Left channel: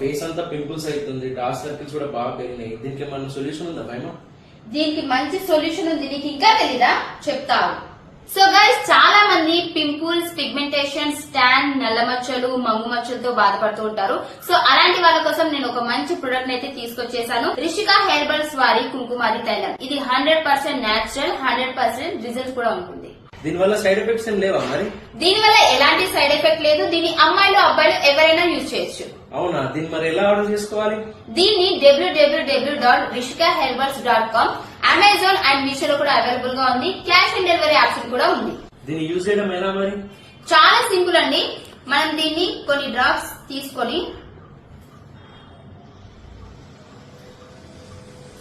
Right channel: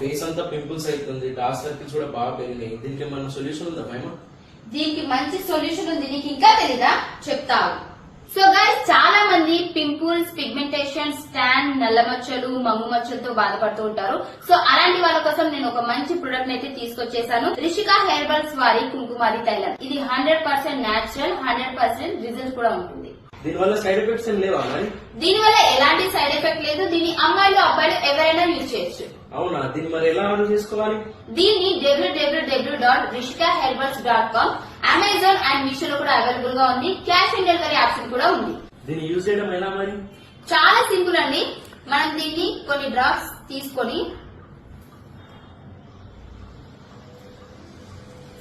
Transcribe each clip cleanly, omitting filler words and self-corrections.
Face అంతా pimples అవుతుంది, dark circles కూడా బాగా పెరిగినాయి. దీనికి ఏమన్నా సొల్యూషన్ ఉందా మేమా? దీనికి మంచి సొల్యూషన్ ఉంది. నీకు ఇంకా తెలీదా? చెప్తావు. సో గైస్, చాలా మంది పింపుల్స్, పిగ్మెంటేషన్, స్టాన్, నల్ల మచ్చలు, మంగు మచ్చలతో బాధపడుతూ ఉంటారు. సో అలాంటి వాళ్ళ కోసం నేను ఒక మంచి ప్రొడక్ట్ అయితే తీసుకొచ్చేసాను. రిషికా హెర్బల్స్ వారి కుంకుమాది తైలం. ఇది 100% న్యాచురల్, 100% రిజల్ట్ కూడా ఉంటుంది. దీనివల్ల సైడ్ ఎఫెక్ట్స్ ఏం లేవా మరి? దీనివల్ల ఎలాంటి సైడ్ ఎఫెక్ట్ లేదు. దీన్ని అమ్మాయిలు, అబ్బాయిలు ఎవరైనా యూజ్ చేయొచ్చు. అవునా? దీన్ని మరి ఎలా ఆర్డర్ చేసుకోవాలి? దీన్ని www.rishikaherbals.com, అమెజాన్ అండ్ మీషో లో కూడా అవైలబుల్ గా ఉంది. క్యాష్ ఆన్ డెలివరీ ఆప్షన్ కూడా ఉంది. దీన్ని యూజ్ చేయడం ఎలా మరి? చాలా సింపుల్ అండి. మనం దీన్ని కొన్ని డ్రాప్స్ తీసుకొని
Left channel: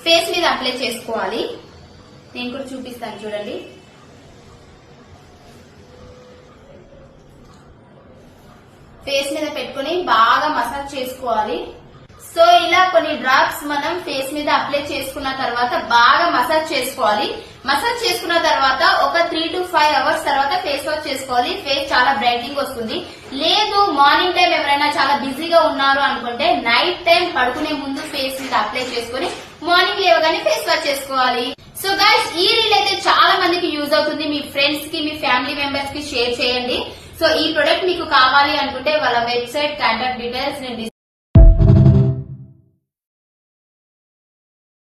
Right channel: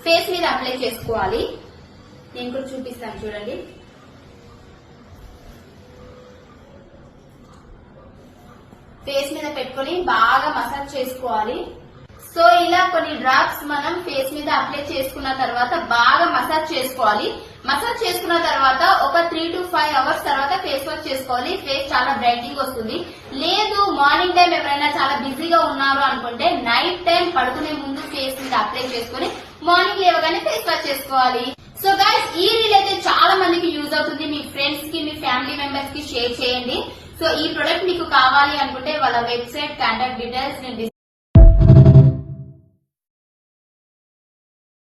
ఫేస్ మీద అప్లై చేసుకోవాలి. నేను కూడా చూపిస్తాను చూడండి. ఫేస్ మీద పెట్టుకుని బాగా మసాజ్ చేసుకోవాలి. సో ఇలా కొన్ని డ్రాప్స్ మనం ఫేస్ మీద అప్లై చేసుకున్న తర్వాత బాగా మసాజ్ చేసుకోవాలి. మసాజ్ చేసుకున్న తర్వాత ఒక 3 to 5 అవర్స్ తర్వాత ఫేస్ వాష్ చేసుకోవాలి. ఫేస్ చాలా బ్రైటింగ్ వస్తుంది. లేదు మార్నింగ్ టైం ఎవరైనా చాలా బిజీగా ఉన్నారు అనుకుంటే నైట్ టైం పడుకునే ముందు ఫేస్ మీద అప్లై చేసుకుని మార్నింగ్ లేవగానే ఫేస్ వాష్ చేసుకోవాలి. సో గైస్, ఈ రీల్ అయితే చాలా మందికి యూజ్ అవుతుంది. మీ ఫ్రెండ్స్ కి, మీ ఫ్యామిలీ మెంబర్స్ కి షేర్ చేయండి. సో ఈ ప్రొడక్ట్ మీకు కావాలి అనుకుంటే వాళ్ళ వెబ్సైట్, కాంటాక్ట్ డీటెయిల్స్ నేను